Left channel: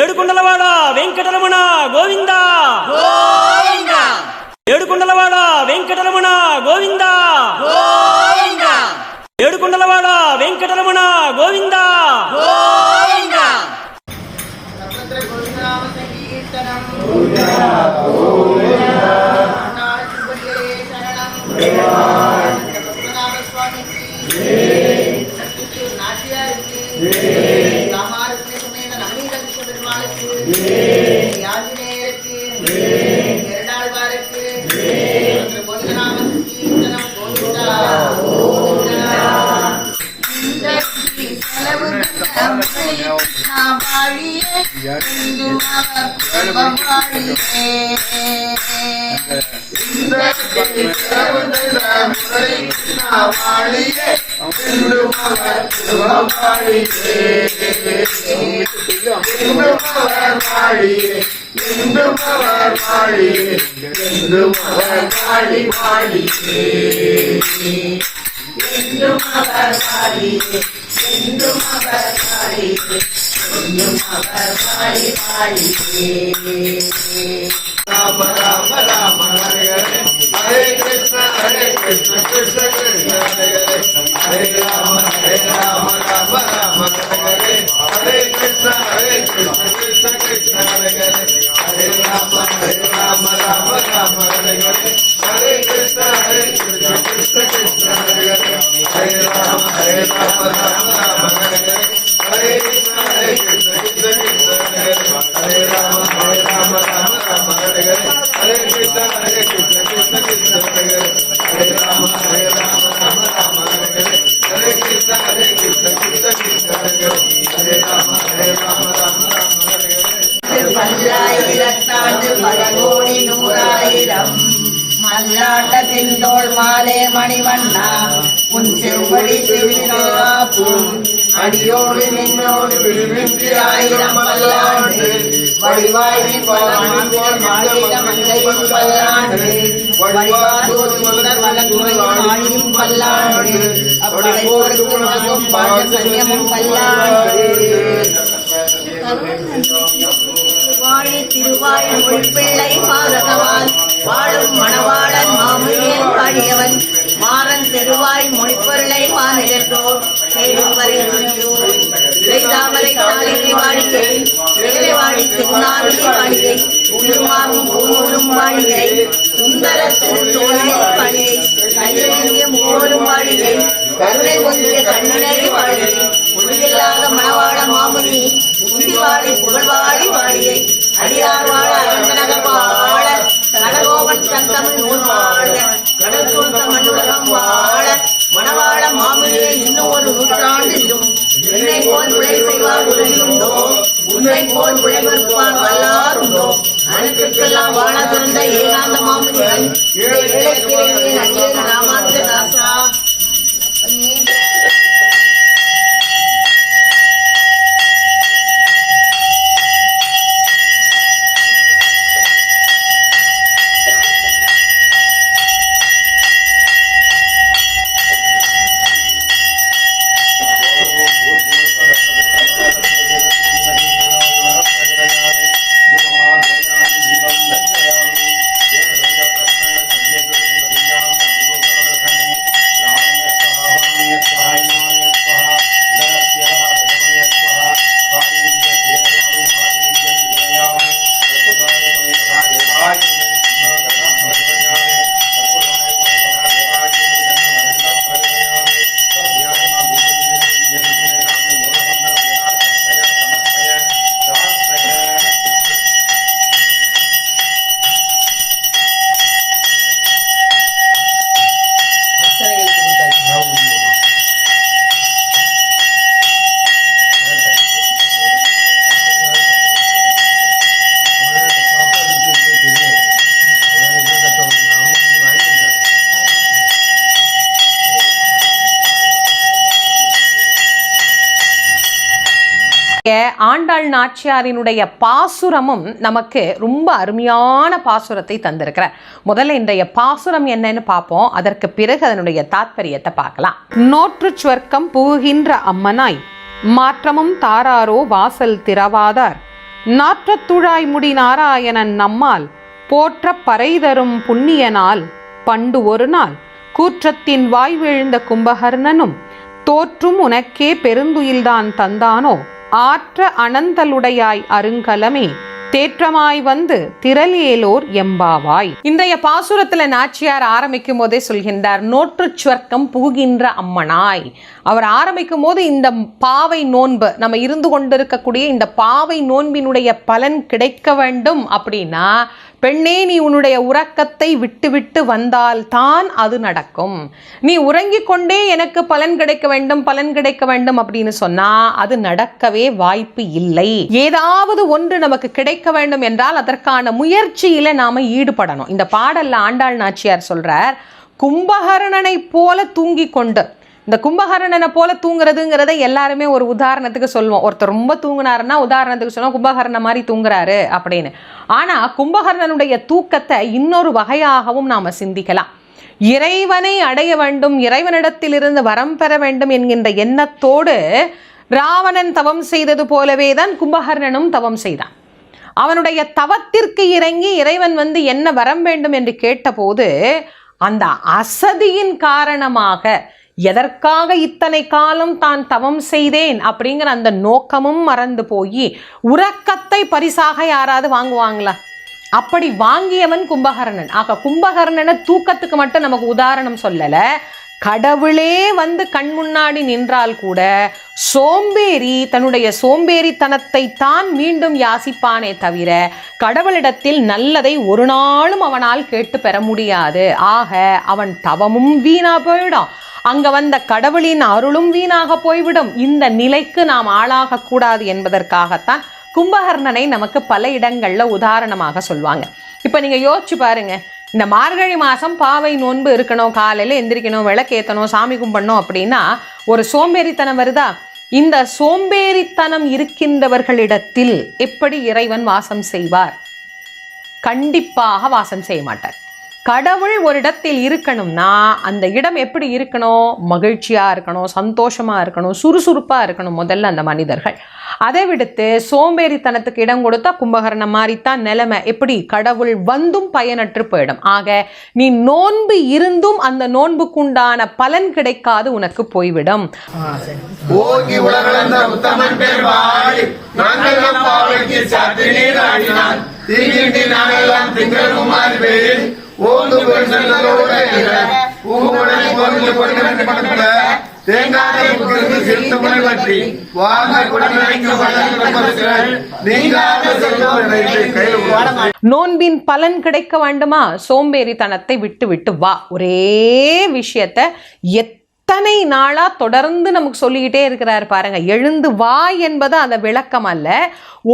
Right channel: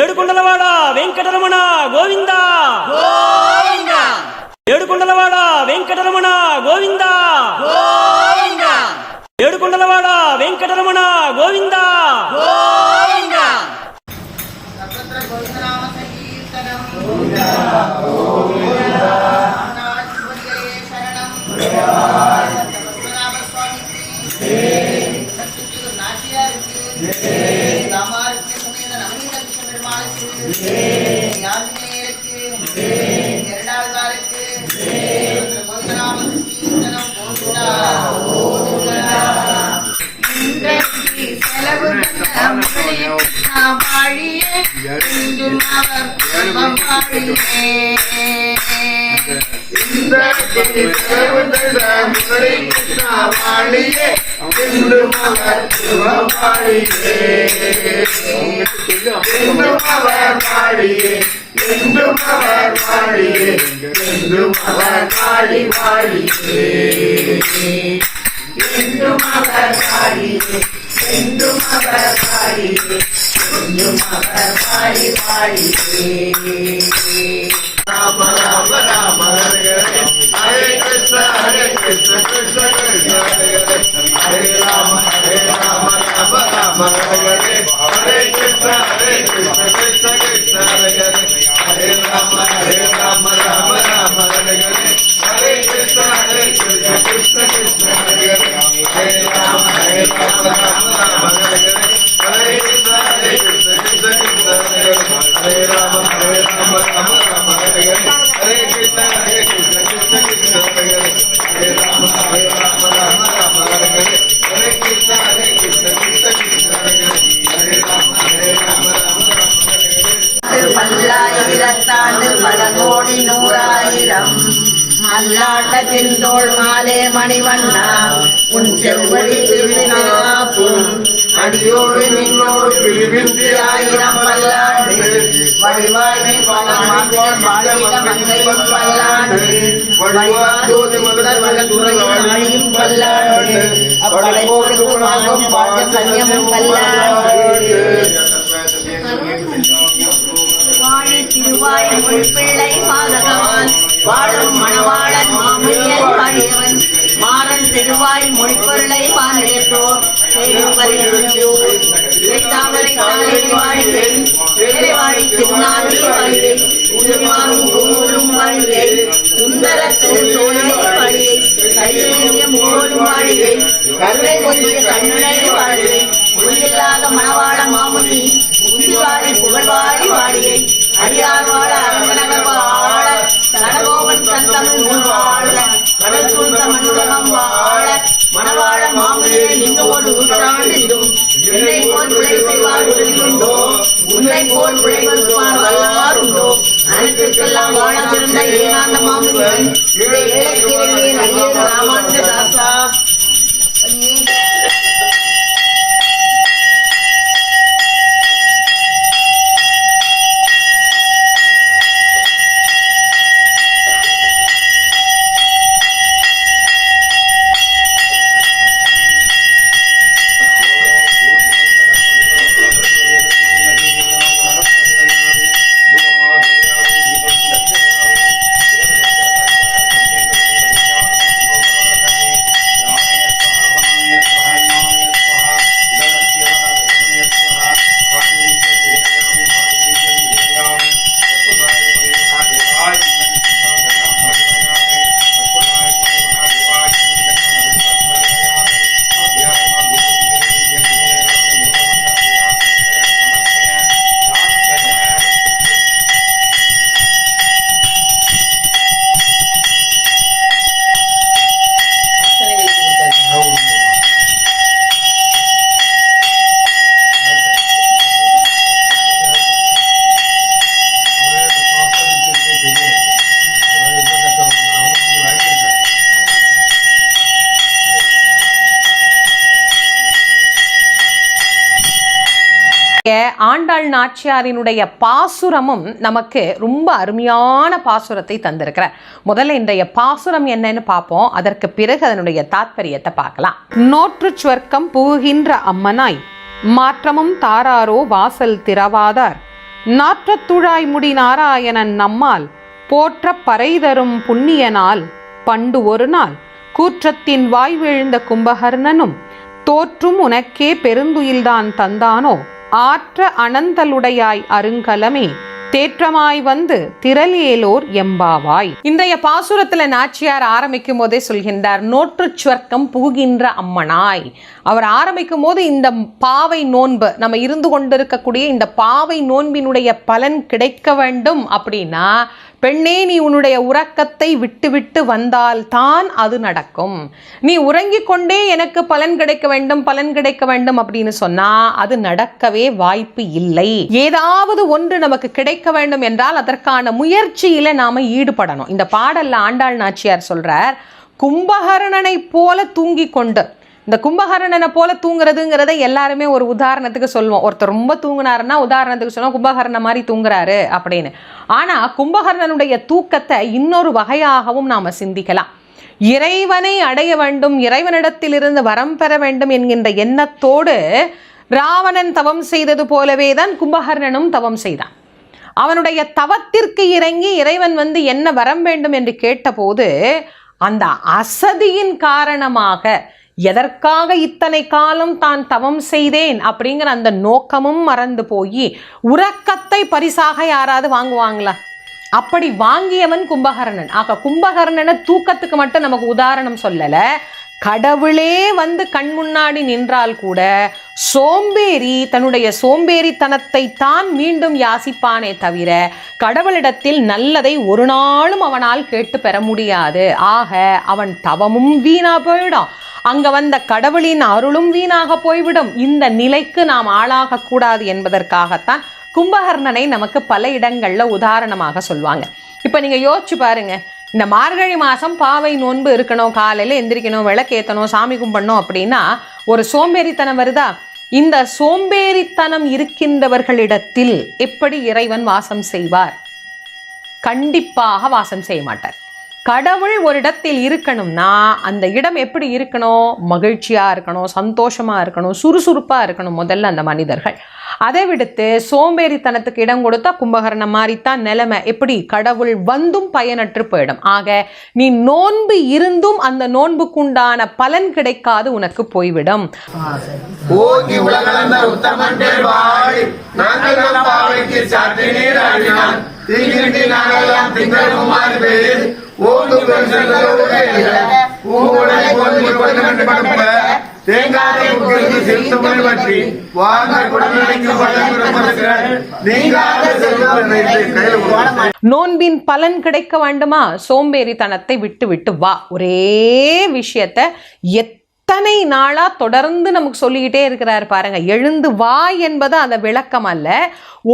ఏడుకొండలవాడ వెంకటరమణ గోవింద గోవింద ఏడుకొండలవాడ వెంకటరమణ గోవింద గోవింద ఏడుకొండలవాడ Venkataramana Govinda Govinda Rama Rama Rama Hare Krishna Krishna Krishna Hare Rama Rama Rama Hare Krishna Krishna Krishna Hare Rama Rama Rama Hare Krishna Krishna Krishna Hare Rama Rama Rama Hare Krishna Krishna Krishna Hare Rama Rama Rama Hare Krishna Krishna Krishna Hare Rama Rama Hare Krishna Krishna Krishna Hare Rama Rama பல்லாயிரத்தாண்டு பல கோடி நூறாயிரம் மல்லாட்டத்தின் தோள் மாலே மணிவண்ணா உன் செவ்வடி திருநாப்பும் அடியோடு நின்னோடு பிரிவின்றி ஆயிரம் பல்லாண்டு வடிவாழ்வின் பல்லாண்டு மங்கையும் பல்லாண்டு வடிவாதோடு முதல் வளர்த்துறையும் பல்லாண்டு அப்படையோருக்கு வாங்கும் பாட சன்னியும் பல்லாண்டு வாழி திருவாய் மொழிப்பிள்ளை பாதகவான் வாழும் மணவாளன் மாமுனியன் பாடியவன் மாறன் திருவாய் மொழிப்பொருளை வானிலத்தோர் தாமரை தாளிகை வாழிகை வேலைவாடி திருநாவியை வாழிகை உருமாறும் பூநூலும் வாழிகை சுந்தர திருத்தோழியை வாழிகை கையிலேந்திய முகோலும் வாழிகை கருணை பொங்கிய கண்ணினை வாழிகை மொழியில்லாத மணவாள மாமுனி உந்திவாடி புகழ்வாடி வாழிகை அடியார் வாழ அரங்கநகர் வாழ கடகோபன் தன் தமிழ் நூல் வாழ கடல் சூழ்ந்த மண்ணுலகம் வாழ மணவாழ மாமுனியை இன்னும் ஒரு நூற்றாண்டிலும் என்னை போல் பிழை செய்வார் உறுதி உண்டோ உன்னை போல் பிழை மறுப்பார் வல்லார் உண்டோ அனைத்திற்கெல்லாம் வாழாதிருந்த ஏகாந்த மாமுனியை இந்த ஏழைக்கிறையின் அடியேன் ராமானுஜதாசா ஆண்டாள் நாச்சியாரினுடைய பாசுரமும் நமக்கு ரொம்ப அருமையான பாசுரத்தை தந்திருக்கிறார். முதல்ல இன்றைய பாசுரம் என்னன்னு பார்ப்போம். அதற்கு பிறகு அதனுடைய தாத்பரியத்தை பார்க்கலாம். நோற்று சுவர்க்கம் புகுகின்ற அம்மனாய் மாற்றமும் தாராரோ வாசல் திறவாதார் நாற்றத்துழாய் முடி நாராயணன் நம்மால் போற்ற பறை தரும் புண்ணியனால் பண்டு ஒரு நாள் கூற்றத்தின் வாய் வீழ்ந்த கும்பகர்ணனும் தோற்றும் உனக்கே பெருந்துயில்தான் தந்தானோ ஆற்ற அனந்தலுடையாய் அருங்கலமே தேற்றமாய் வந்து திரளேலோர் எம்பாவாய். இன்றைய பாசுரத்துல நாச்சியார் ஆரம்பிக்கும் போதே சொல்கின்றார், நோற்று சுவர்க்கம் புகுகின்ற அம்மனாய். அவர் ஆரம்பிக்கும் போது இந்த பாவை நோன்பு, நம்ம இருந்து கொண்டிருக்கக்கூடிய இந்த பாவை நோன்பினுடைய பலன் கிடைக்க வேண்டும் அப்படின்னா, பெண்ணே நீ உன்னுடைய உறக்கத்தை விட்டு விட்டு வந்தால் தான் அது நடக்கும். நீ உறங்கிக் கொண்டே எனக்கு பலன் கிடைக்க வேண்டும் பலன் கிடைக்க வேண்டும் அப்படின்னு சொன்னா அது நடக்கவே வாய்ப்பு இல்லை. ஏதாவது ஒன்று நமக்கு கிடைக்க வேண்டும் என்றால் அதற்கான முயற்சியில நாம ஈடுபடணும். இந்த பாடல்ல ஆண்டாள் நாச்சியார் சொல்றார், கும்பகர்ணனை போல தூங்கி கொண்டு. இந்த கும்பகர்ணனை போல தூங்குறதுங்கிறத எல்லாருமே ஒரு உதாரணத்துக்கு சொல்லுவோம். ஒருத்தர் ரொம்ப தூங்குனாருன்னா உதாரணத்துக்கு சொல்லுவோம், கும்பகர்ண மாதிரி தூங்குறாரு அப்படின்னு. ஆனா கும்பகர்ணனுடைய தூக்கத்தை இன்னொரு வகையாகவும் நாம சிந்திக்கலாம். இறைவனை அடைய வேண்டும், இறைவனிடத்திலிருந்து வரம் பெற வேண்டும் என்கின்ற எண்ணத்தோடு ராவணன் தவம் செய்தது போலவே தான் கும்பகர்ணனும் தவம் செய்தான். அவனுடைய தவத்திற்கு இறங்கி இறைவன் வந்து என்ன வரம் வேண்டும் என்று கேட்டபோது அந்த அசதியின் காரணமாக எதற்காக இத்தனை காலம் தான் தவம் செய்தேன் அப்படிங்கிற அந்த நோக்கமும் மறந்து போய் உறக்கத்தை பரிசாக யாராவது வாங்குவாங்களா? அப்படி வாங்கியவன் கும்பகர்ணன். ஆக கும்பகர்ணனை தூக்கத்துக்கு மட்டும் நமக்கு உதாரணம் சொல்லல, கடவுளே வந்து கண் முன்னாடி நின்றால் கூட சோம்பேறி தன்னுடைய சோம்பேறித்தனத்தை தான் மீண்டும் யாசிப்பானே தவிர கடவுளிடத்தில் நல்லதை ஒரு நாளும் அவனால் கேட்டு பெற முடியாது. ஆக அவன் தவமும் வீணா போயிடும், அங்க வந்த கடவுளின் அருளும் வீணாக போய்விடும். இந்த நிலைக்கு நாம் ஆளாக கூடாது என்பதற்காகத்தான் கும்பகர்ணனை நமக்கு பல இடங்கள்ல உதாரணமாக சொல்வாங்க. இப்ப நீங்க யோசிச்சு பாருங்க, இந்த மார்கழி மாசம் பாவை நோன்பு இருக்கணும், காலையில எந்திரிக்கணும், விளக்கேற்றணும், சாமி கும்பிடணும் அப்படின்னா ஒரு சோம்பேறித்தனம் வருதா? இந்த சோம்பேறித்தனம் இருக்கின்றவர்களிடத்தில் எப்படி இறைவன் வாசம் செய்வார்? கண்டிப்பாக வாசம் செய்ய மாட்டார். கடவுள் ஒரு இடத்தில் இருக்கணும்னா அந்த இடம் எப்படி இருக்கணும்? மகிழ்ச்சியா இருக்கணும், சந்தோஷமா இருக்கணும், சுறுசுறுப்பா இருக்கணும் முதல்ல அந்த மனிதர்கள். அதை விடுத்து சோம்பேறித்தனத்துக்கு இடம் கொடுத்தா கும்பகர்ணம் மாதிரித்தான் நிலைமை. எப்படி? கடவுள் வந்தும் பயனற்று போயிடும். ஆக நீ நோன்பு இருந்தும் அந்த நோன்புக்குண்டான பலன் கிடைக்காது, உனக்கு போய்விடும். நோன்பின் பலன் கிடைக்க வேண்டுமா? சோம்பேறித்தனத்தை விட்டு விட்டு வா. ஒரே விஷயத்தை எத்தனை நாளா தொடர்ந்து நமக்கு சொல்லிக்கிட்டே இருக்கிறார் பாருங்க. எழுந்து வா என்பது அந்த விளக்கம் அல்ல,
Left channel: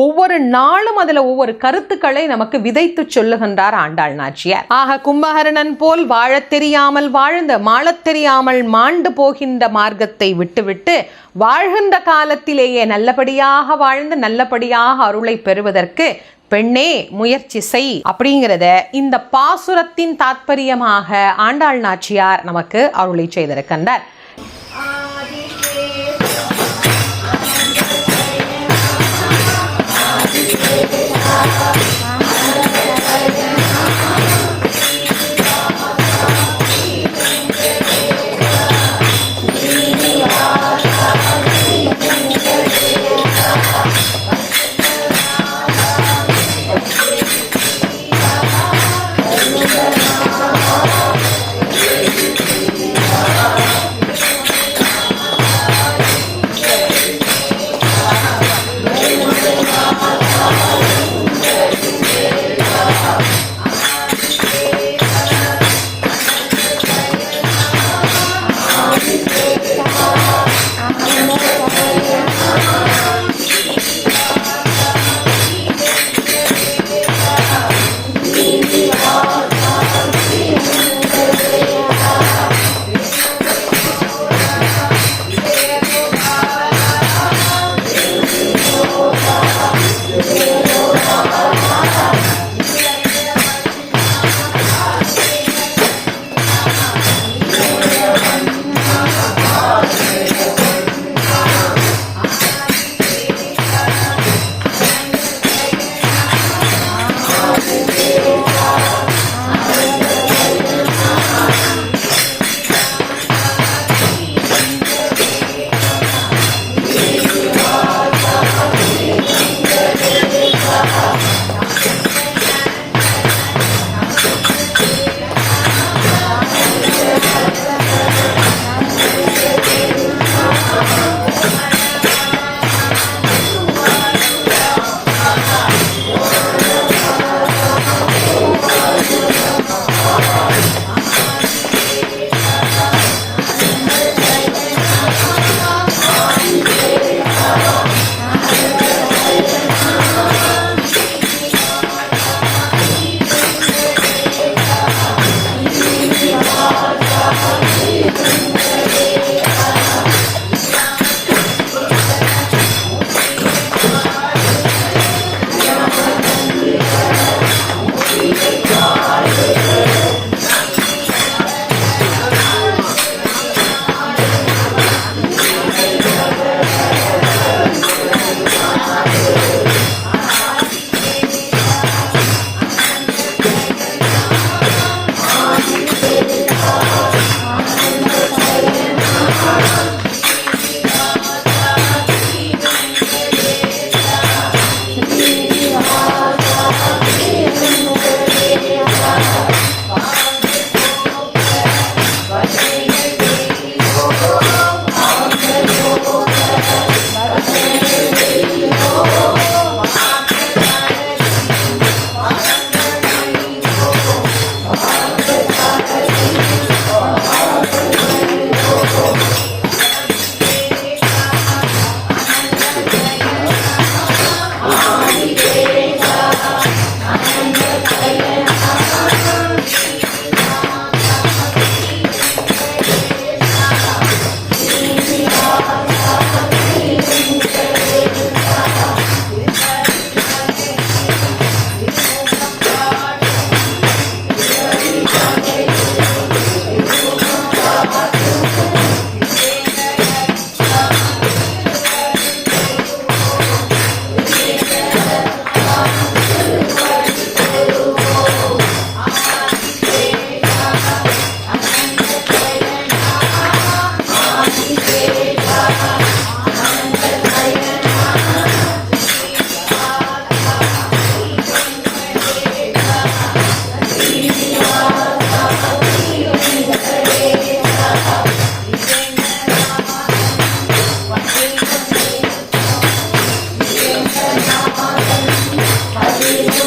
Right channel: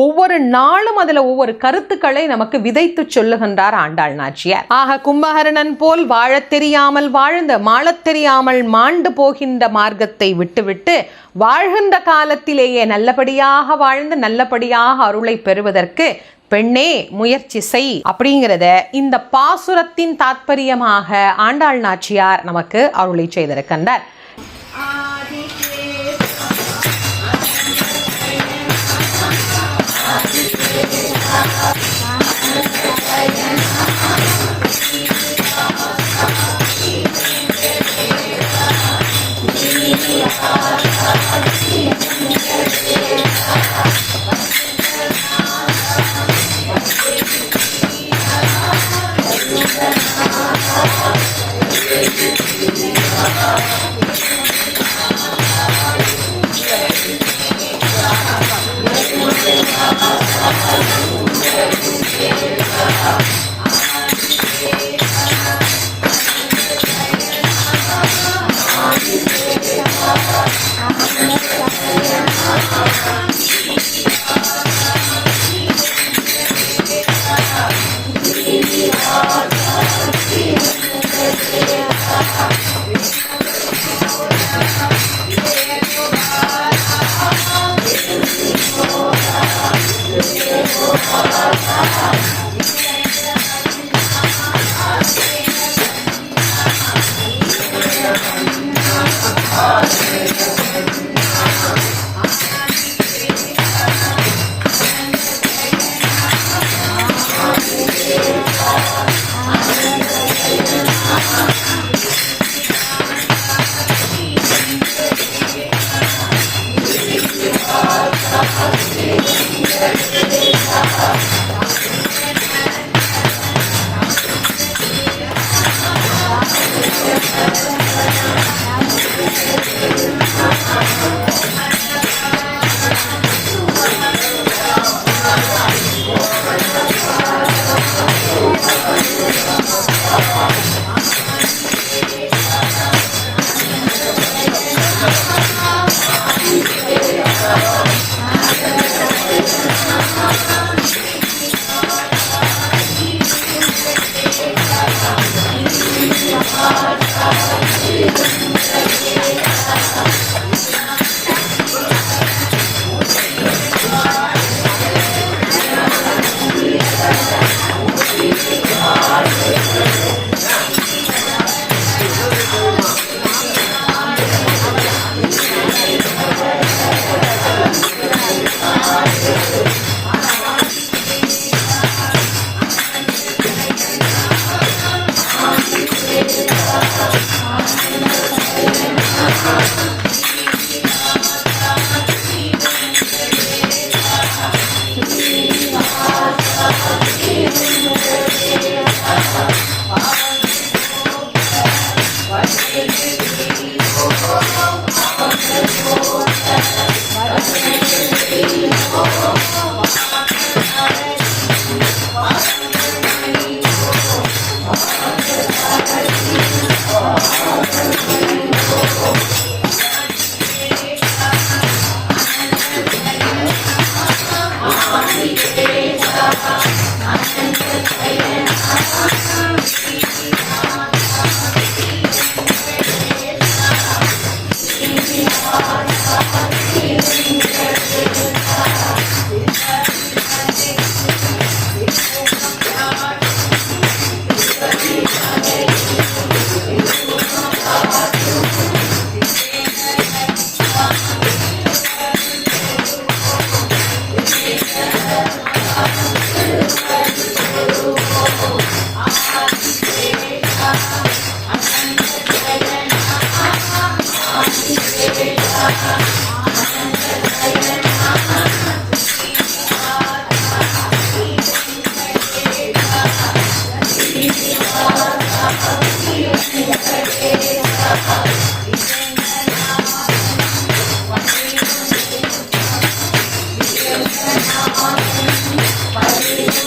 ஒவ்வொரு நாளும் அதுல ஒவ்வொரு கருத்துக்களை நமக்கு விதைத்து சொல்லுகின்றார் ஆண்டாள் நாச்சியார். ஆக கும்பகர்ணன் போல் வாழத் தெரியாமல் வாழ்ந்து மாளத் தெரியாமல் மாண்டு போகின்ற மார்க்கத்தை விட்டுவிட்டு வாழ்கின்ற காலத்திலேயே நல்லபடியாக வாழ்ந்து நல்லபடியாக அருளை பெறுவதற்கு பெண்ணே முயற்சி செய் அப்படிங்கிறத இந்த பாசுரத்தின் தாத்பரியமாக ஆண்டாள் நாச்சியார் நமக்கு அருளை செய்திருக்கின்றார்.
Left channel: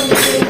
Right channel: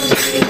வாழ்க